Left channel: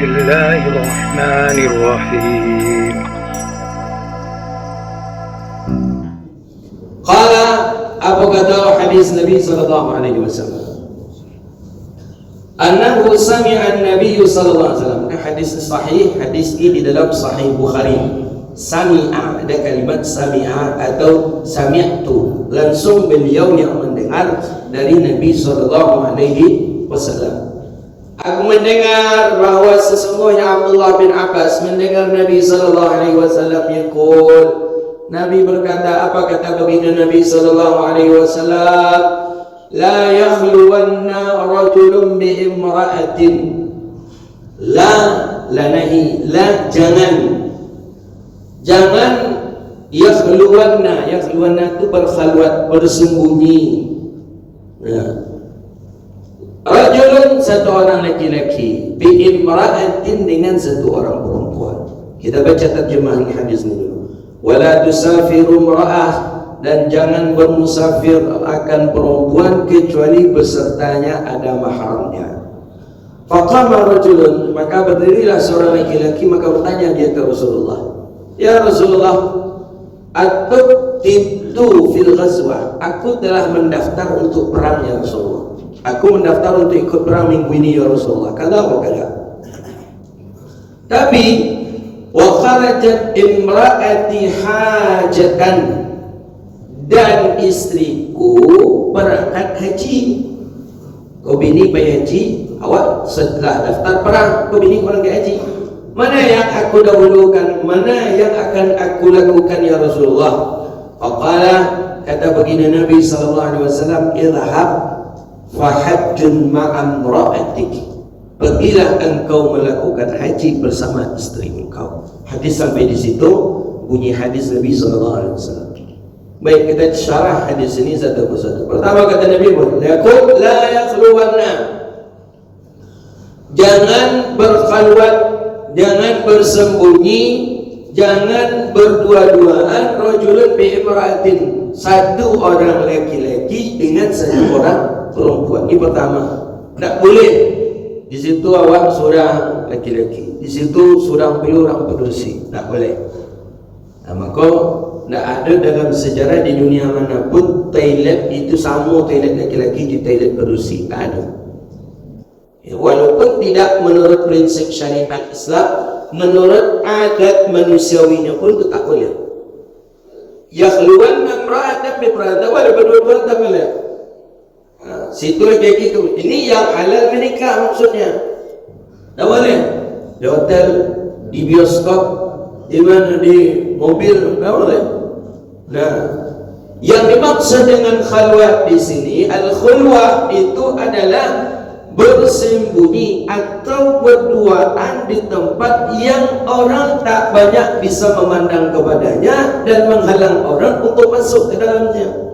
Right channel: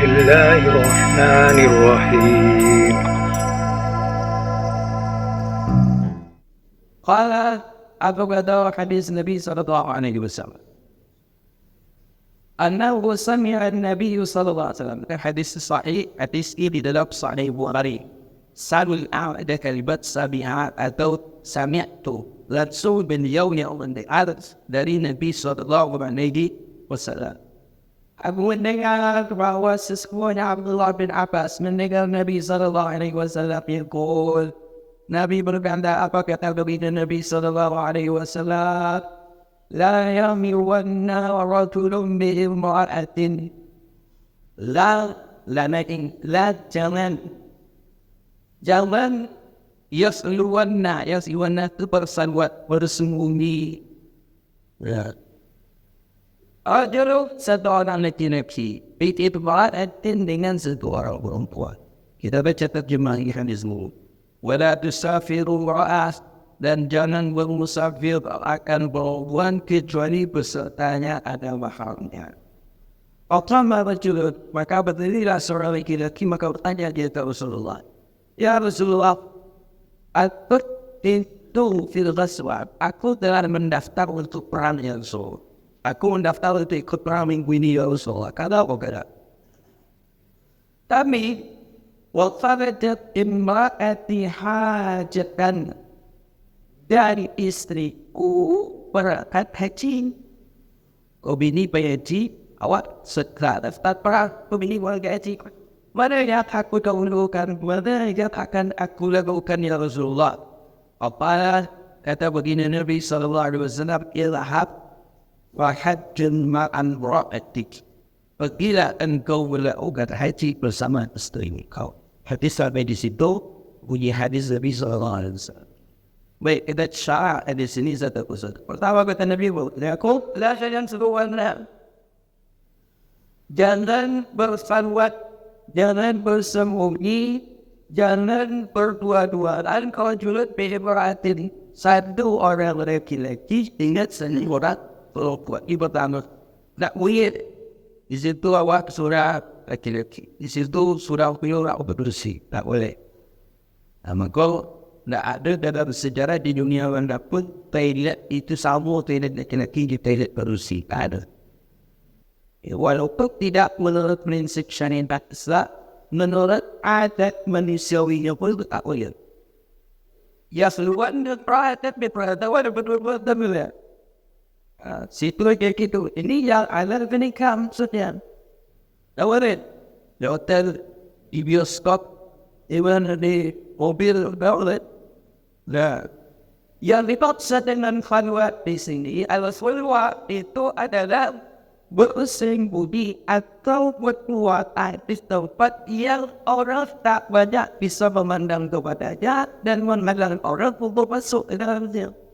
الله الرحمن الرحيم. قال Abu kata hadis Nabi sallallahu alaihi wasallam annahu sami'a an-nabiy sallallahu alaihi wasallam. Hadis sahih, hadis ini di dalam sahih Bukhari. Sami'a, ada kalimat sami'a atau sami'tu, langsung beliau yang mendengar dari Nabi sallallahu alaihi wasallam. Aku mendengar bahawa sesungguhnya Abdullah bin Abbas mendengar Nabi sallallahu alaihi wasallam yaqul, Nabi berkata, apa kata baginda Nabi sallallahu alaihi wasallam? La yahluwanna rajulun bi imra'atin. La nahi, la jangan yahluwanna itu bersalwat, bersembunyi. Ya. Rajulun, satu orang laki-laki, bi imra'atin, dengan satu orang perempuan. Kita baca terjemah hadis ini. Wala tusafiru imra'ah, dan jangan bermusafir akan perempuan kecuali besertanya ada mahramnya. Faqama rajulun, maka berdirilah seorang laki-laki, maka bertanya dia ke Rasulullah, ya Rasulullah, aqtibtu fil ghazwa, aku telah mendaftar untuk perang ya Rasulullah. Aku mendaftar untuk ikut perang minggu ini ya Rasulullah. Kata apa kata? Tapi wa kharajat imraati hajatan, dan istriku berangkat haji. Kau bini pergi haji, awak setelah daftar perang, kau bini pergi haji. Mana yang aku dahulukan, mana yang akan aku lakukan ya Rasulullah? Faqala, kata baginda Nabi sallallahu alaihi wasallam, idhhab fahajjun ma'an ra'atik, pergilah engkau melakukan haji bersama isteri engkau. Hadis sampai di situ, bunyi hadis Nabi sallallahu alaihi wasallam. Baik, kita syarah hadis ini satu persatu. Pertama kata Nabi Muhammad, la yakhluwanna, jangan berkhalwat, jangan bersembunyi, jangan berdua-duaan, rajulun bi imra'atin, satu orang laki-laki dengan satu orang perempuan. Ini pertama, tak boleh. Di situ awak seorang laki-laki, di situ seorang orang berdursi, tak boleh. Maka tak ada dalam sejarah di dunia manapun toilet itu sama toilet laki-laki di toilet berdursi, tak ada. Walaupun tidak menurut prinsip syariat Islam, menurut adat manusiawinya pun itu tak boleh. Yakhluwanna imra'atan bi imra'atin, wala berdua-dua tak boleh. Situ kayak gitu. Ini yang halal menikah maksudnya. Tak boleh di hotel, di bioskop, di mana, di mobil, tak boleh. Nah, yang dimaksud dengan khalwat di sini, al-khulwah itu adalah bersembunyi atau berduaan di tempat yang orang tak banyak bisa memandang kepadanya dan menghalang orang untuk masuk ke dalamnya.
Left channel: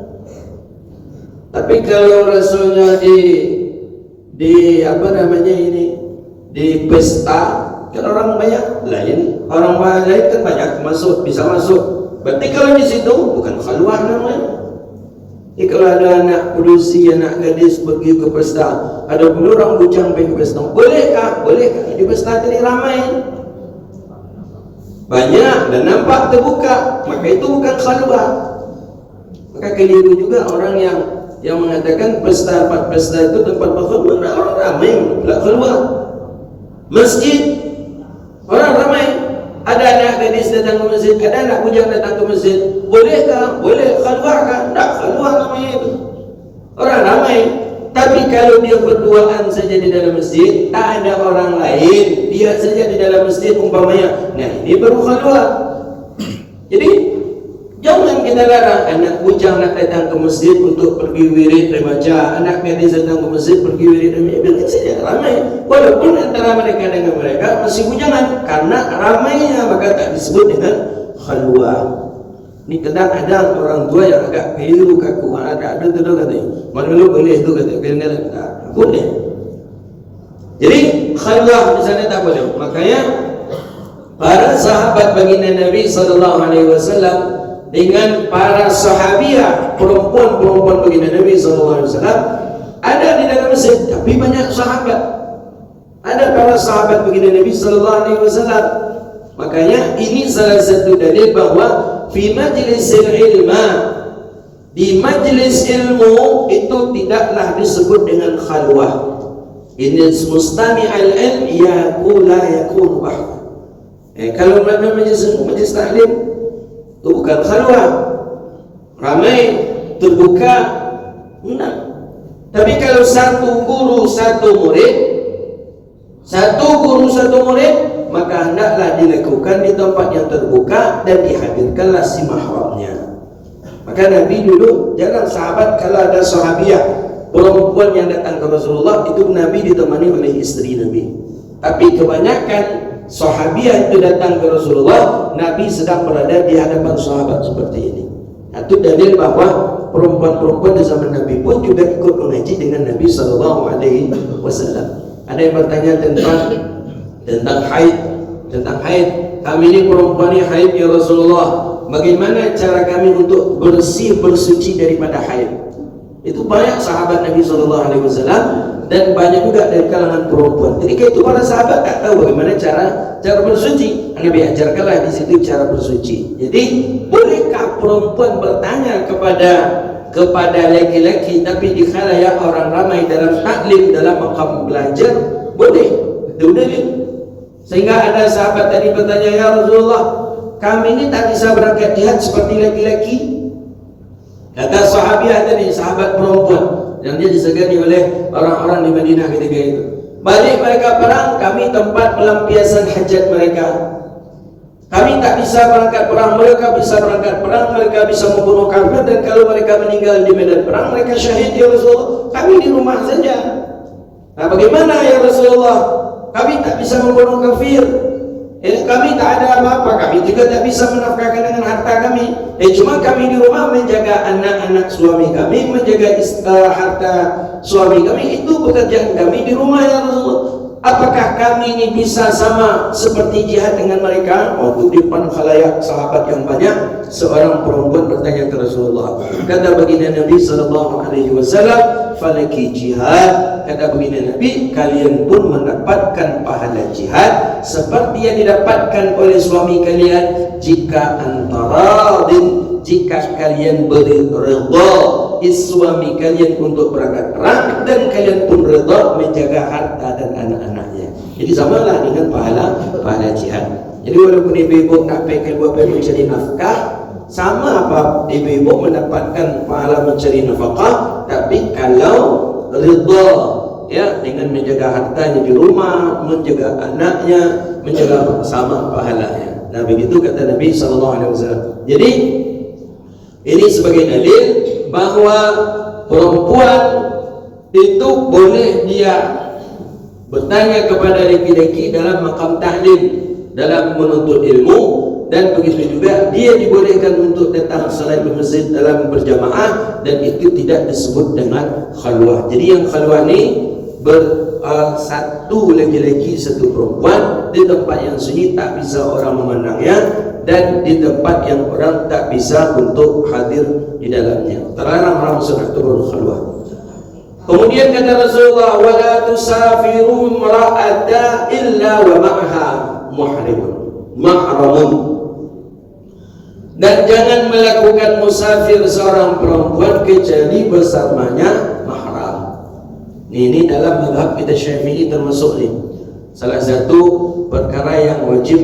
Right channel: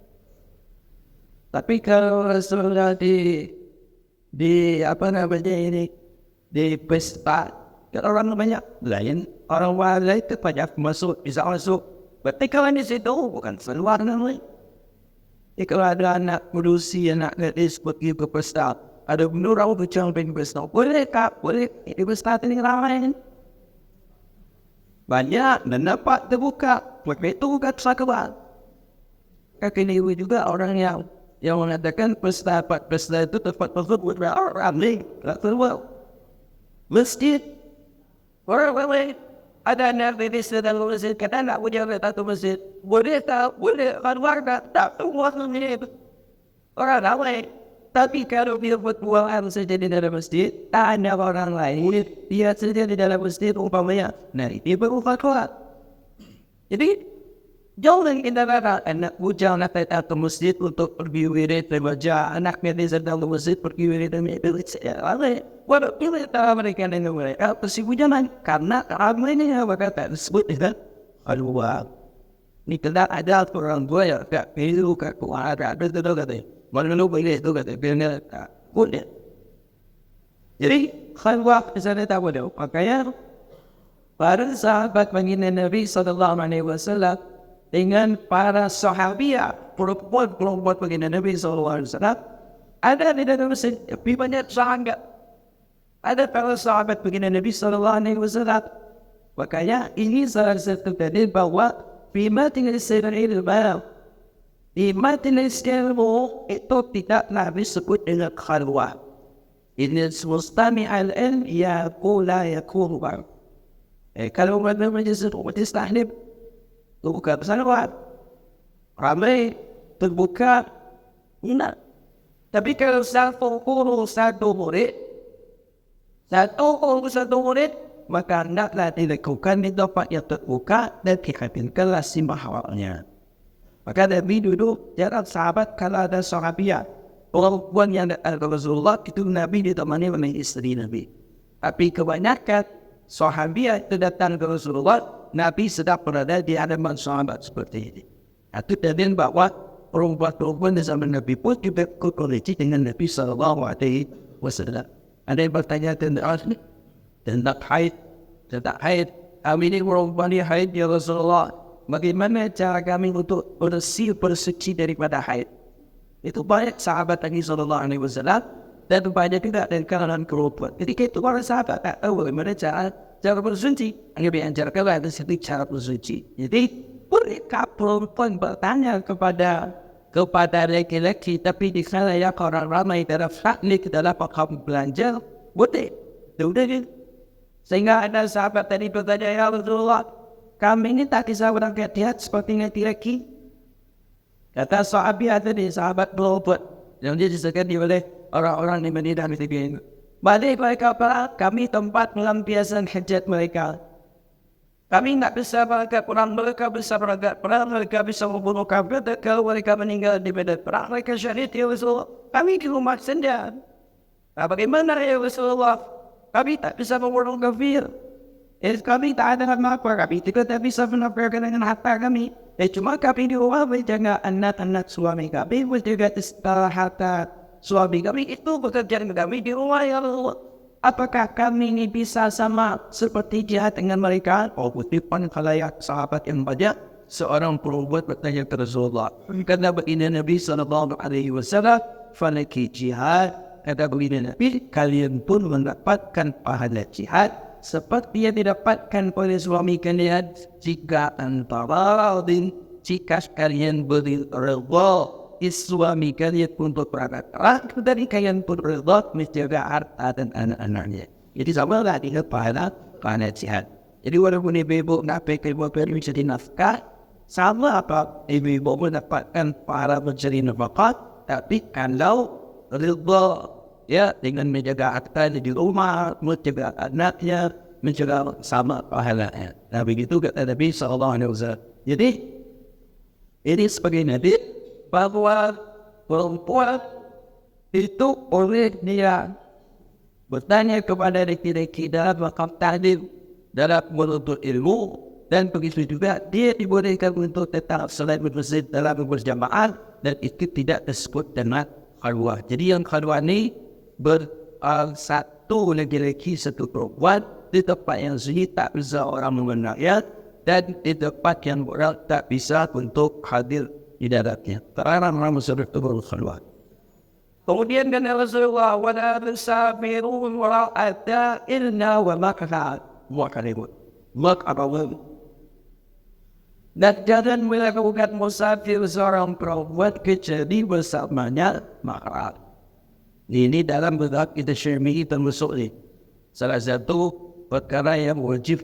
Tapi kalau Rasulullah di apa namanya ini, di pesta, kan orang banyak lain, orang lain kan banyak masuk, bisa masuk. Berarti kalau di situ bukan khalwat namanya. Jadi kalau ada anak produksi, anak gadis pergi ke pesta, ada pun orang bucang pergi ke pesta, bolehkah? Boleh. Di pesta ini ramai, banyak dan nampak terbuka, maka itu bukan khalwat. Maka keliru juga orang yang mengatakan pesta itu tempat berkhutbah, orang ramai, tak keluar. Masjid, orang ramai. Ada anak gadis datang ke masjid, ada anak bujang datang ke masjid, bolehkah? Boleh. Keluarkah? Tak keluar namanya itu. Orang ramai. Tapi kalau dia berduaan saja di dalam masjid, tak ada orang lain, dia saja di dalam masjid umpamanya, nah ini baru keluar. Jadi jangan kita larang anak bujang nak datang ke masjid untuk pergi wirid dan baca, anak gadis datang ke masjid pergi wirid dan baca saja, ramai. Walaupun antara mereka dengan mereka masih bujangan, karena ramainya maka tak disebut dengan khalwah. Ini kadang ada orang tua yang agak pilu kaku, ada tu katanya, mana lu boleh tu katanya, kena boleh. Jadi khalwah di sana tak boleh. Makanya para sahabat baginda Nabi sallallahu alaihi wasallam dengan para sahabiah perempuan baginda Nabi sallallahu alaihi wasallam ada di dalam masjid, tapi banyak sahabat. Ada para sahabat begini Nabi sallallahu alaihi wasallam. Makanya ini salah satu dalil bahwa fi majlisil ilma, di majlis ilmu itu tidaklah disebut dengan khalwah. Inna mustami'al ilm yaqula yakun bah. Kalau mana majlis taklim itu bukan khalwah, ramai terbuka, enggak. Tapi kalau satu guru satu murid, maka hendaklah dilakukan di tempat yang terbuka dan dihadirkanlah si mahramnya. Maka Nabi dulu jarang sahabat, kalau ada sahabiah perempuan yang datang ke Rasulullah, itu Nabi ditemani oleh istri Nabi. Tapi kebanyakan sahabiah itu datang ke Rasulullah, Nabi sedang berada di hadapan sahabat seperti ini. Itu dalil bahwa perempuan-perempuan di zaman Nabi pun juga ikut mengaji dengan Nabi sallallahu alaihi wasallam. Ada yang bertanya tentang haid. Kami ini perempuan yang haid ya Rasulullah. Bagaimana cara kami untuk bersuci daripada haid? Itu banyak sahabat Nabi sallallahu alaihi wasallam dan banyak juga dari kalangan perempuan. Ketika itu para sahabat tak tahu bagaimana cara bersuci. Nabi ajarkanlah di situ cara bersuci. Jadi bolehkah perempuan bertanya kepada laki-laki tapi di khalayak orang ramai dalam taklim, dalam makam belajar? Boleh. Itu dalil. Sehingga ada sahabat tadi bertanya, ya Rasulullah, kami ini tak bisa berangkat jihad seperti laki-laki. Kata sahabiah tadi, sahabat perempuan yang dia disegani oleh orang-orang di Madinah ketika itu, balik mereka perang, kami tempat pelampiasan hajat mereka. Kami tak bisa berangkat perang, mereka bisa berangkat perang, mereka bisa membunuh kafir, dan kalau mereka meninggal di medan perang, mereka syahid ya Rasulullah. Kami di rumah saja. Nah, bagaimana ya Rasulullah? Kami tak bisa membunuh kafir. Kami tak ada apa-apa, kami juga tak bisa menafkahkan dengan harta kami. Cuma kami di rumah menjaga anak-anak suami kami, menjaga harta suami kami, itu pekerjaan kami di rumah ya Rasulullah. Apakah kami ini bisa sama seperti jihad dengan mereka? Oh, di depan khalayak sahabat yang banyak, seorang perempuan bertanya ke Rasulullah. Kata baginda Nabi sallallahu alaihi wasallam, "Falaki jihad." Kata baginda Nabi, kalian pun mendapatkan pahala jihad seperti yang didapatkan oleh suami kalian jika jika kalian beridha suami kalian untuk berangkat perang dan kalian pun redha menjaga harta dan anak-anaknya. Jadi samalah dengan pahala jihad. Jadi walaupun ibu-ibu nak pakai buat mencari nafkah, sama apa ibu-ibu mendapatkan pahala mencari nafkah, tapi kalau redha ya dengan menjaga hartanya di rumah, menjaga anaknya, menjaga sama pahalanya. Nah begitu kata Nabi sallallahu alaihi wasallam. Jadi ini sebagai dalil bahwa perempuan itu boleh dia bertanya kepada laki-laki dalam makam tahlim, dalam menuntut ilmu, dan begitu juga dia dibolehkan untuk datang salat di masjid dalam berjamaah, dan itu tidak disebut dengan khalwah. Jadi yang khalwah ni satu laki-laki satu perempuan di tempat yang sunyi, tak bisa orang memandangnya, dan di tempat yang orang tak bisa untuk hadir di dalamnya. Terlarang orang sudah turun khalwah. Kemudian kata Rasulullah, wala tusafiru imra'ata illa wa ma'ha mahramun. Dan jangan melakukan musafir seorang perempuan kecuali bersamanya mahram. Ini dalam mazhab kita Syafi'i termasuk ni salah satu perkara yang wajib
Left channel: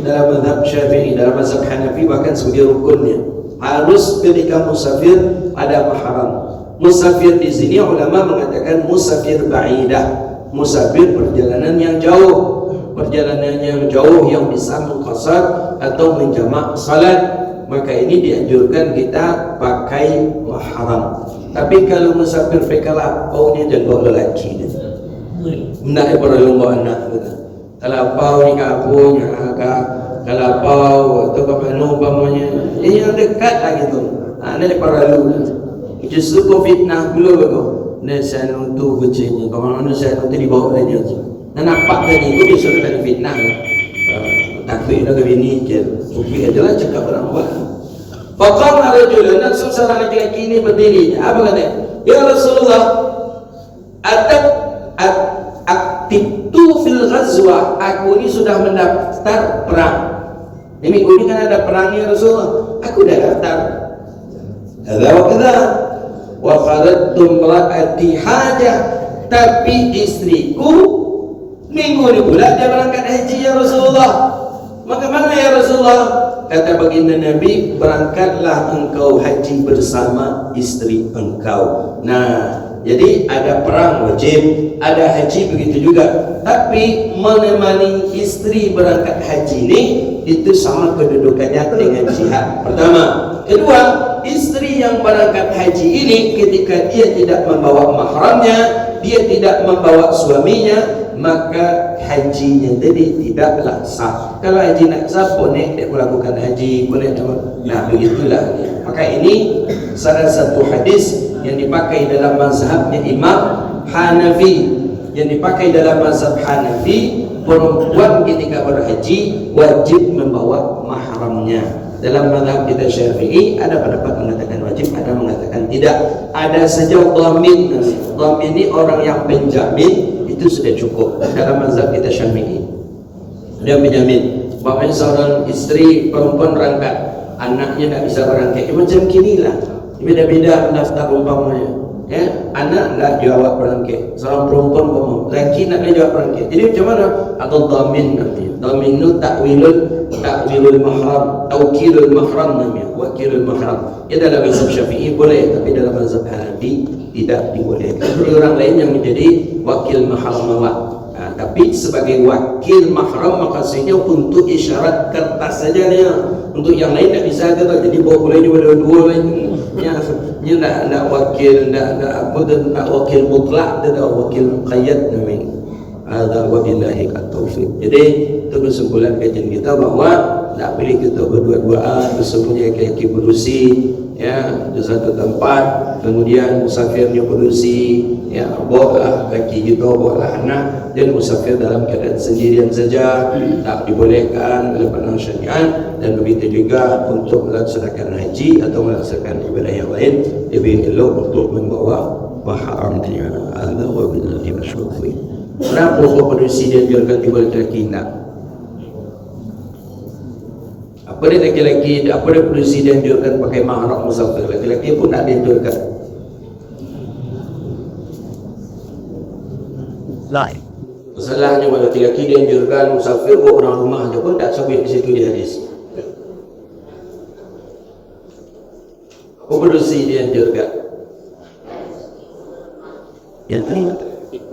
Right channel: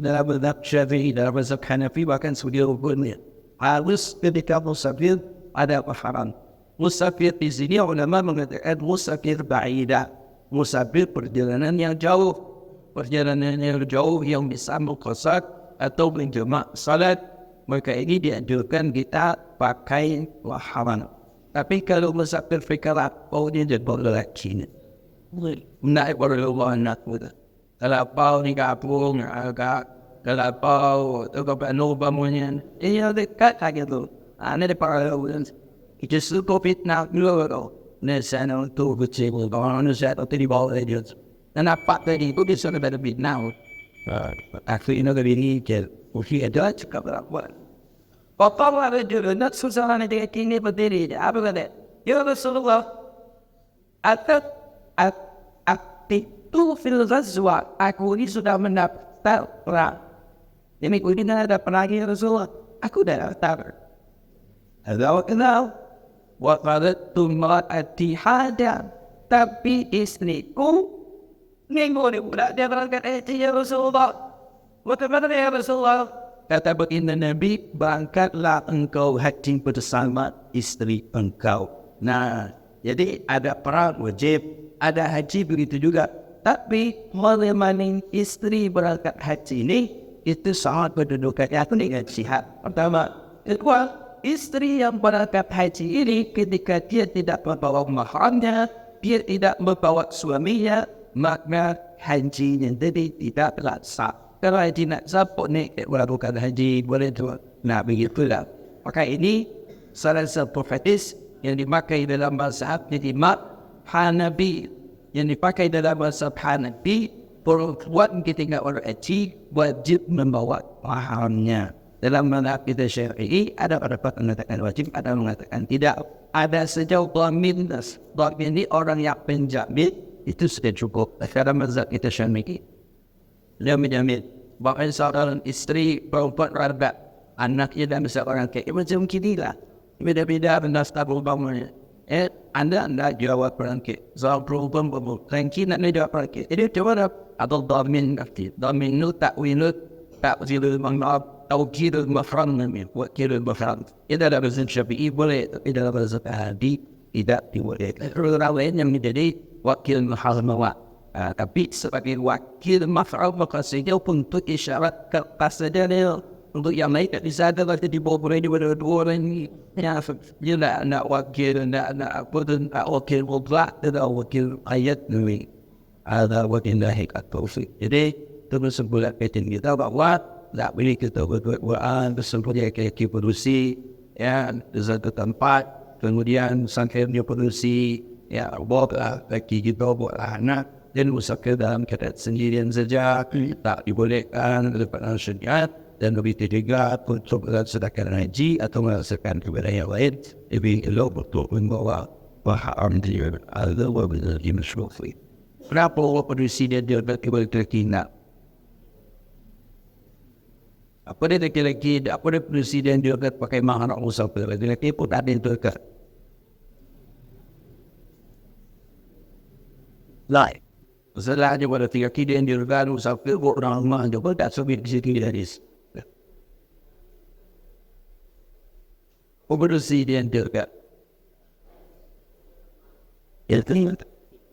dalam mazhab Syafi'i. Dalam mazhab Hanafi bahkan sebagai rukunnya harus ketika musafir ada mahram. Musafir di sini ulama mengatakan musafir ba'idah, musafir perjalanan yang jauh, yang bisa muqassad atau menjamak salat, maka ini dianjurkan kita pakai mahram. Tapi kalau musafir fikirlah, oh dia jago lelaki ni, nak berlumba anak kita. Kalau pau ni kampung, kalau pau atau kapanu pamannya, yang dekat lagi tu. Ini perlu. Justru COVID nak dulu tu. Nasihat untuk kucing, kalau nasihat untuk dibawa saja. Dan nampak tadi itu bisa ada fitnah. Takut nak bini je. Okey, adalah cakap orang buat. Faqala rajulun, seorang lelaki ini berdiri. Apa kata? Ya Rasulullah, aktif ghazwah, aku ini sudah mendaftar perang. Ini kan ada perangnya Rasulullah, aku dah daftar. Hadza wa kadza wa qalattu imra'ati hajah, tapi istriku minggu ni pula dia berangkat haji ya Rasulullah. Maka mana ya Rasulullah? Kata baginda Nabi, berangkatlah engkau haji bersama istri engkau. Nah, jadi ada perang wajib, ada haji begitu juga. Tapi menemani istri berangkat haji ini, itu sama kedudukannya dengan jihad. Pertama. Kedua, istri yang berangkat haji ini ketika dia tidak membawa mahramnya, dia tidak membawa suaminya, maka hajinya tadi tidaklah sah. Kalau haji nak sah, boleh dia melakukan haji, boleh tu. Nah, begitulah. Maka ini salah satu hadis yang dipakai dalam mazhabnya Imam Hanafi. Yang dipakai dalam mazhab Hanafi, perempuan ketika berhaji wajib membawa mahramnya. Dalam mazhab kita Syafi'i ada pendapat mengatakan wajib, ada mengatakan tidak. Ada sejauh dhamin. Dhamin ini orang yang penjamin, itu sudah cukup. Dalam mazhab kita Syafi'i, dia menjamin. Bahkan seorang istri perempuan berangkat, anaknya tak bisa berangkat, macam kinilah. Beda-beda pendaftar umpamanya. Ya, anak nak jawab berangkat, seorang perempuan ngomong, lelaki nak jawab berangkat. Jadi macam mana? Atau dhamin nanti. Dhamin itu takwilul mahram, tawkilul mahram namanya, wakilul mahram. Ya, dalam mazhab Syafi'i boleh, tapi dalam mazhab Hanafi tidak dibolehkan. Orang lain yang menjadi wakil mahram awak. Tapi sebagai wakil mahram maksudnya untuk isyarat kertas saja dia. Untuk yang lain tak bisa ada, jadi bawa boleh dua lain. Dia nak wakil, nak apa dan nak wakil mutlak, dan nak wakil qayyad namanya. Ada wabillahi at-taufiq. Jadi itu kesimpulan kajian kita bahawa tak boleh kita berdua-duaan bersembunyi laki-laki berusi, ya, di satu tempat, kemudian musafirnya berusi, ya, bawa laki kita, bawa anak, dan musafir dalam keadaan sendirian saja tak dibolehkan oleh pandangan syariat. Dan begitu juga untuk melaksanakan haji atau melaksanakan ibadah yang lain, lebih elok untuk membawa mahram dia. Allah wa billahi masyrufi. Kenapa presiden dia boleh terkena? Apa dia lelaki, apa dia presiden dia akan pakai mahram musafir? Lelaki pun ada itu dekat. Lain. Masalahnya pada lelaki dia kan musafir, orang rumah dia pun tak sampai di situ dia hadis. Presiden dia dekat. Yang ini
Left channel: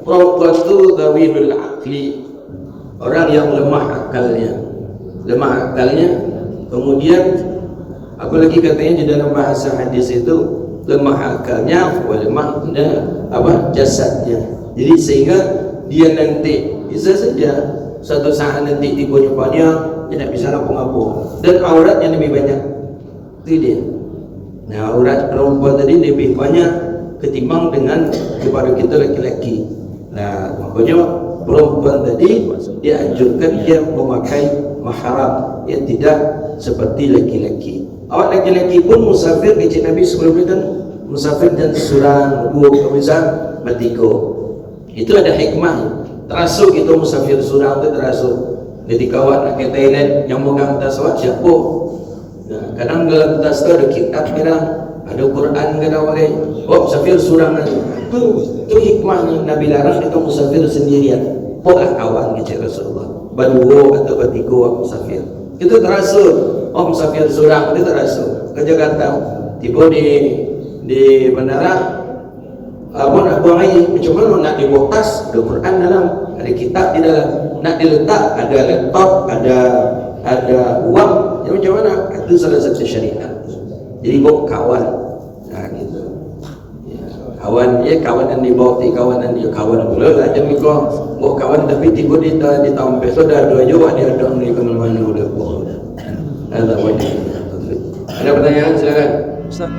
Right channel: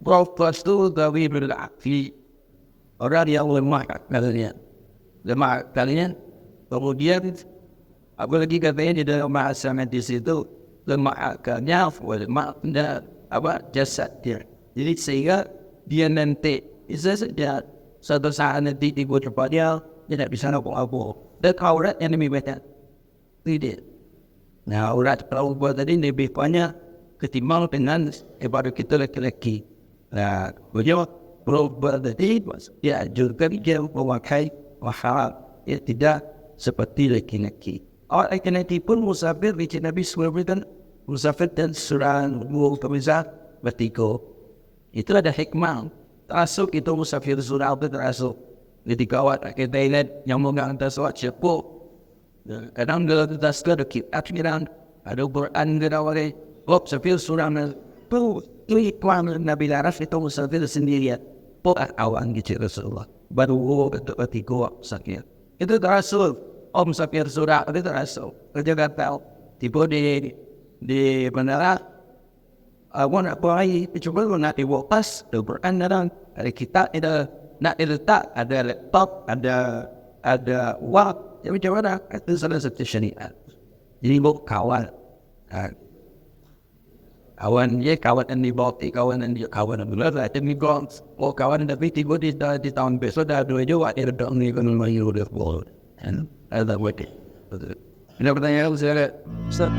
Proqas tu zawilul aqli, orang yang lemah akalnya. Kemudian apa lagi katanya di dalam bahasa hadis itu, lemah akalnya, lemah jasadnya. Jadi sehingga dia nanti bisa saja satu saat nanti di depannya dia tak bisa lapung-lapung, dan aurat yang lebih banyak itu dia. Nah, aurat perempuan tadi lebih banyak ketimbang dengan kepada kita laki-laki. Nah, makanya perempuan tadi dia anjurkan dia memakai mahram, ya, tidak seperti laki-laki. Awak laki-laki pun musafir, kecil Nabi sebelumnya kan musafir dan surah kemisal bertiko. Itu ada hikmah. Terasuk itu musafir surah itu terasuk. Ketika awak nak ke Thailand, yang megang tas awak siapa? Nah, kadang dalam tas tu ada kitab, kadang ada Quran, kadang awak musafir surah itu hikmah Nabi laras itu musafir sendirian. Polah awan kecil Rasulullah. Baru atau bertiko musafir. Itu terasuk. Musafir surah itu terasuk. Kerja kata tiba di bandara. Nak buang air, macam mana nak dibawa tas, ada Quran dalam, ada kitab di dalam, nak diletak, ada laptop, ada wang, ya, macam mana? Itu salah satu syariat. Jadi bawa kawan, gitu. Kawan dia, kawanan dibawa, kawanan dia, kawanan pula lah. Jadi kau bawa kawan, tapi tiba di tahun besok dah dua juga dia ada ni kenal main dulu. Ada apa? Ada pertanyaan silakan. Ustaz.